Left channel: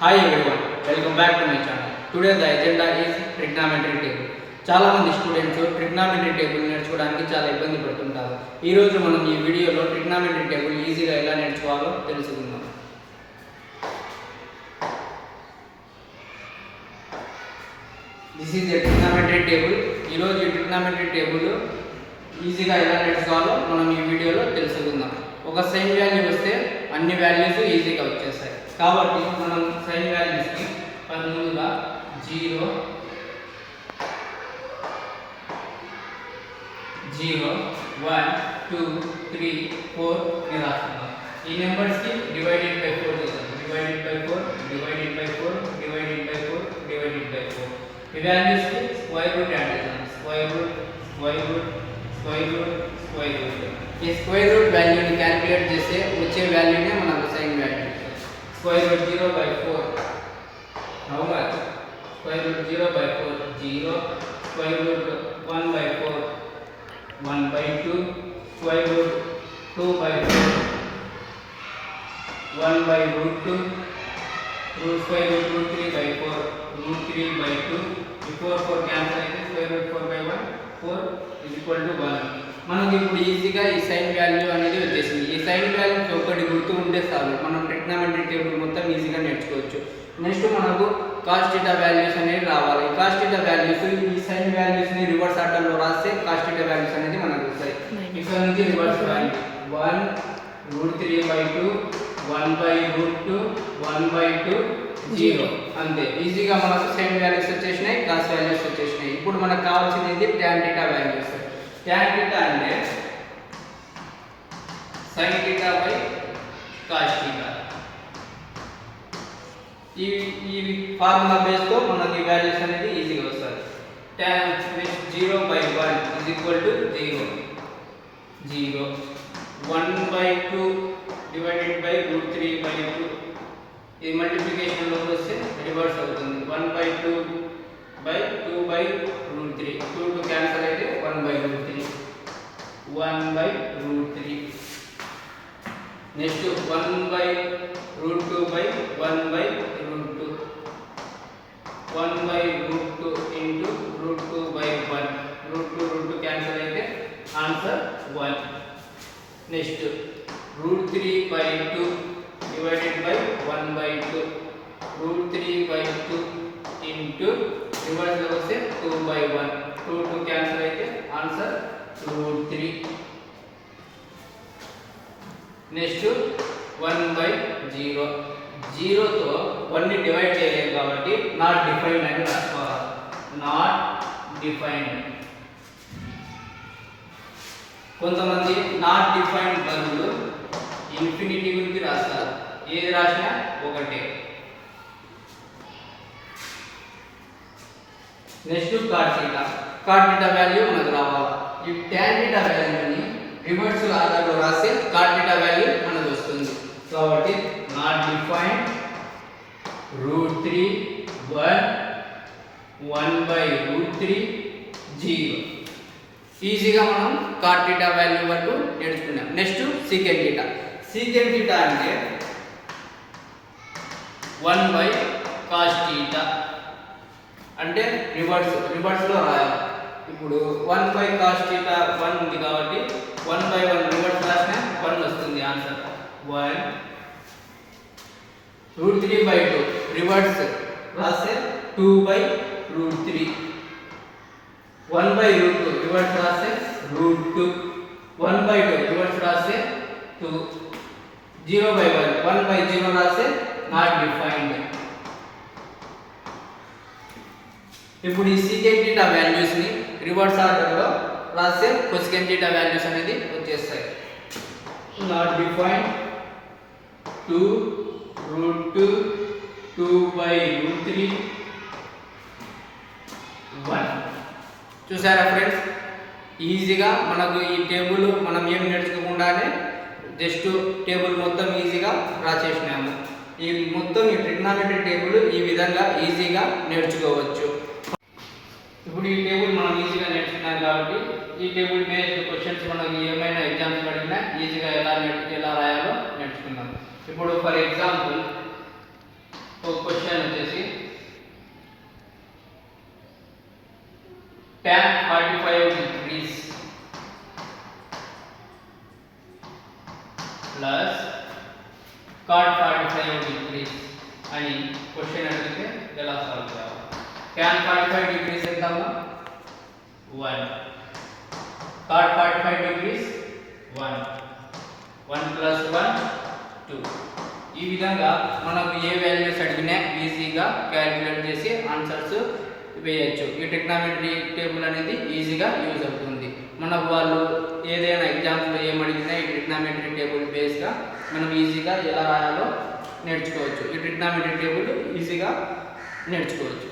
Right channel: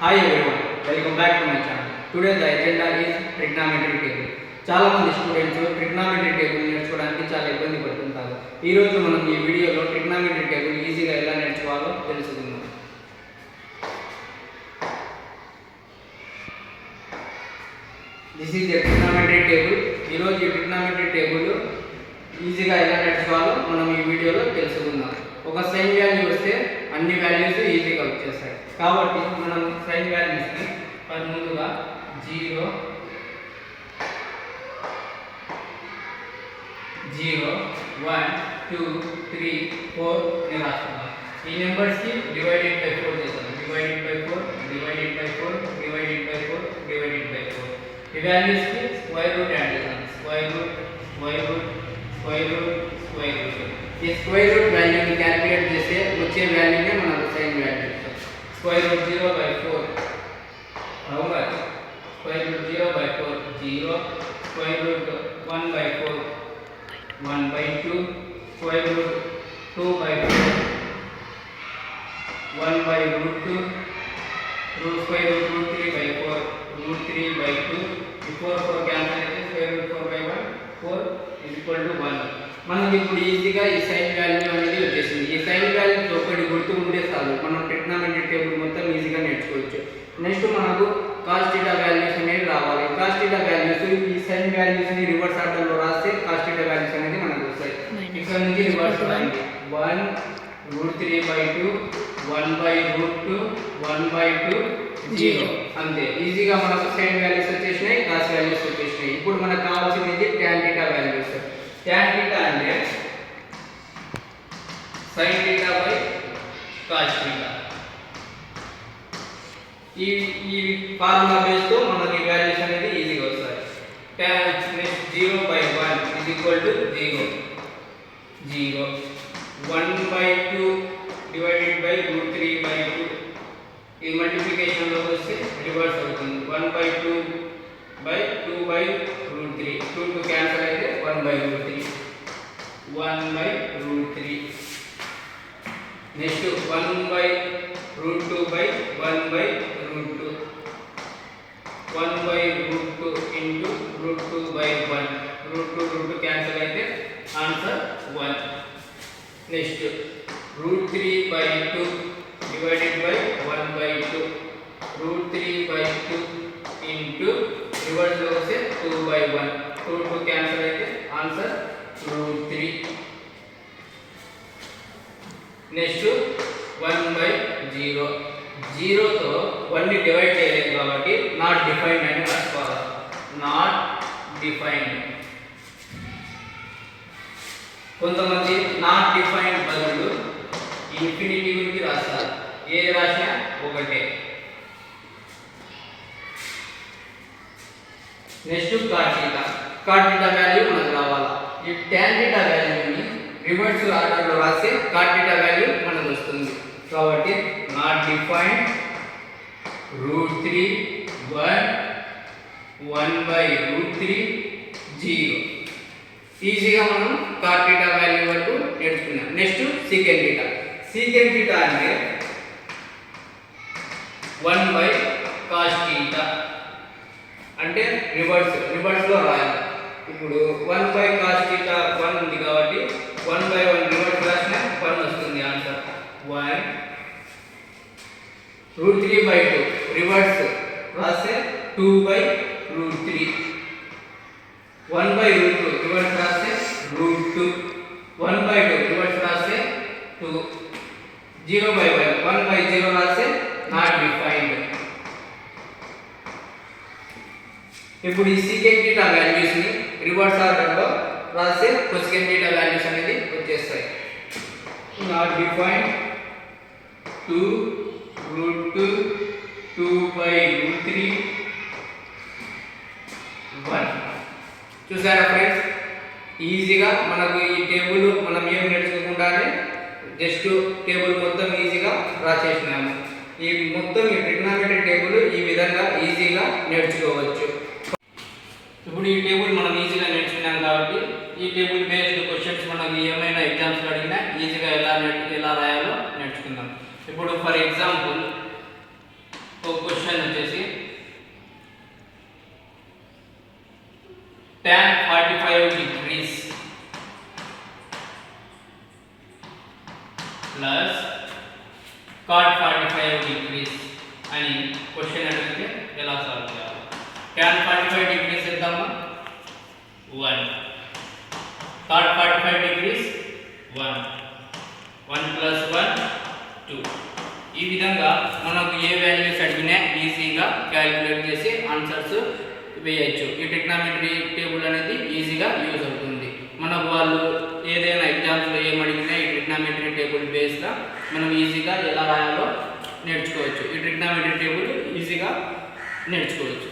Hi everyone, welcome back to my channel. Today the agenda is trigonometry table. చాలా మంది students trigonometry table నేర్చుకోవడానికి చాలా ఇబ్బంది పడుతుంటారు. ఈ రోజు మనం ఈ వీడియోలో ట్రిగ్నామెట్రీ టేబుల్ ఈజీగా ఎలా నేర్చుకోవాలో తెలుసుకుందాం. This is the trigonometry table. ఈ రోజు ఈ ట్రిగ్నామెట్రీ టేబుల్ ఈజీగా ఎలా నేర్చుకోవాలో మనం ఈ వీడియోలో తెలుసుకుందాం. ఒక సైన్ వాల్యూ వస్తే అన్ని వాల్యూస్ ఈజీగా వచ్చేస్తాయి. కాబట్టి మనం సైన్ వాల్యూస్ని ముందుగా 0 0 1 2 3 4 అని రాసుకుందాం. ఈ నెంబర్స్కి డివైడెడ్ బై 4 చేద్దాం. Divided by 4 divided by 4 divided by 4 divided by 4. ఈ వాల్యూస్కి స్క్వేర్ రూట్ యాడ్ చేద్దాం. Square root square root square root square root. ఈ స్క్వేర్ రూట్ వాల్యూని క్యాలిక్యులేట్ చేస్తే వచ్చే వాల్యూనే మనకు సైన్ వాల్యూ. స్క్వేర్ రూట్ 0 బై 4 how much? Square root 0 by 4 0. Square root 1 by 4 1 by 2. Square root 2 by 4 1 by root 2. Square root 3 by 4 root 3 by 2. Before 4 cancel అయితే square root 4 by 1 4 is equal to 1. మనకి ఇప్పుడు ఈజీగా ఈ సైన్ వాల్యూ అనేది వచ్చేసింది. ఈ సైన్ వాల్యూస్ ఒకటి గుర్తు ఉంటే చాలు, మనం ట్రిగ్నామెట్రీ టేబుల్ మొత్తం ఈజీగా నేర్చుకోవచ్చు. నెక్స్ట్ మనకు కాస్ థీటా వాల్యూస్ అనేవి రావాలి. కాస్ థీటా వాల్యూస్ ఈ సైన్ వాల్యూస్ ని రివర్స్ ఆర్డర్ లో రాస్తే కాస్ థీటా వాల్యూస్ అనేది మనకు వస్తాయి. ఇక్కడ నుంచి రివర్స్ రాయండి. 1 √3 by 2 1 by √2 1 by 2 0. అంతే, ఈజీగా మనకు సైన్ వాల్యూస్ వచ్చేసినాయి, కాస్ వాల్యూస్ వచ్చేసినాయి. ఇప్పుడు మనకు కావాల్సింది tan theta values. tan theta అంటే sin theta by cos theta. ఈ ఫార్ములా బేస్ తో మనకి వాల్యూస్ అనేది ఈజీగా వస్తాయి. tan 0 by 1 is equal to 0 0. 1 by 2 divided by √3 by 2. ఈ మల్టిప్లికేషన్ లోకి వస్తే రివర్స్ అవుతుంది. 1 by 2 by 2 by √3. 2 2 క్యాన్సిల్ అయితే 1 by √3 1 by √3. నెక్స్ట్ 1 by √2 by 1 by √2 1 by √2 into √2 by 1. √2 క్యాన్సిల్ అయితే ఆన్సర్ 1. నెక్స్ట్ √3 by 2 divided by 1 by 2. √3 by 2 into రివర్స్ లో వస్తే 2 by 1. 2 2 క్యాన్సిల్ అయితే ఆన్సర్ √3. నెక్స్ట్ 1 by 0. 0 తో 1 ని డివైడ్ చేయలేము కాబట్టి నాట్ డిఫైన్డ్ అని రాసుకోవాలి. Not defined. కొంతమంది నాట్ డిఫైన్డ్ బదులు ఇన్ఫినిటీ గురించి రాస్తారు. ఏది రాసినా ఒకటే. Next cot theta. Cot theta value మనకు రావాలా. ఈ tan థీటా వాల్యూని రివర్స్ ఆర్డర్ లో రాస్తే కాట్ థీటా వాల్యూ మనకు వస్తుంది. కాబట్టి నాట్ డిఫైన్డ్ √3 1 1 by √3 0. ఈజీగా మనం కాట్ థీటా వాల్యూ వరకు నేర్చుకున్నాం. Next secant theta. Secant theta అంటే 1 by cos థీటా. అంటే రివర్స్ లో రాయాలి. ఇప్పుడు 1 by cos థీటా 1 ఉంది కాబట్టి 1 by 1 రివర్స్ రాసినా 1 వస్తుంది ఆన్సర్ 1. √3 by 2 రివర్స్ రాస్తే 2 by √3. 1 by √2 రివర్స్ రాస్తే √2. 1 by 2 రివర్స్ రాస్తే 2. 0 by 1 1 by 0 రాస్తే నాట్ డిఫైన్డ్. ఇప్పుడు ఈ సీకెంట్ థీటా వాల్యూస్ ని రివర్స్ ఆర్డర్ లో రాస్తే కొసెకెంట్ థీటా వాల్యూస్ అనేది వచ్చేస్తాయి. నాట్ డిఫైన్డ్ 2 √2 2 by √3 1. చూసారా ఫ్రెండ్స్, ఈజీగా మనకు ఈ టేబుల్ మనం ఏం నేర్చుకోకుండానే జస్ట్ టేబుల్ మొత్తం ఈజీగా డ్రా చేసినాము. ఈ మొత్తం ఈ ట్రిగ్నామెట్రీ టేబుల్ ఈ విధంగా ఈజీగా నేర్చుకోవచ్చు. ఇప్పుడు ఈ టేబుల్ మనం ఈజీగా నేర్చుకున్నాం కాబట్టి ఈ టేబుల్ బేస్డ్ క్వశ్చన్స్ మనం ఏమైనా ఎగ్జామ్స్ అడిగినా ఈజీగా ఎలా రాయాలో నేర్చుకుందాం. ఇప్పుడు ఫర్ ఎగ్జాంపుల్ క్వశ్చన్ వచ్చేసి tan 45 degrees plus cot 45 degrees అని క్వశ్చన్ అడిగితే ఎలా సాల్వ్ చేయాలి? tan 45 degrees ఎంతమ్మా? 1. cot 45 degrees 1. 1 plus 1 2. ఈ విధంగా మనకు ఏ వాల్యూస్ అడిగినా ఈజీగా క్యాలిక్యులేట్ చేసి ఆన్సర్స్ వేయచ్చు. ఈ ట్రిగ్నామెట్రీ టేబుల్ అనేది ఈజీగా యూజ్ అవుతుంది. మనకు వాళ్ళు ఏదైనా ఎగ్జామ్స్లో ఏమడిగినా ఈ ట్రిగ్నామెట్రీ టేబుల్ బేస్గా మనం ఈజీగా ఎలా రాయాలో నేర్చుకోవచ్చు. ఈ ట్రిగ్నామెట్రీ టేబుల్ ఈజీగా నేర్చుకోవచ్చు.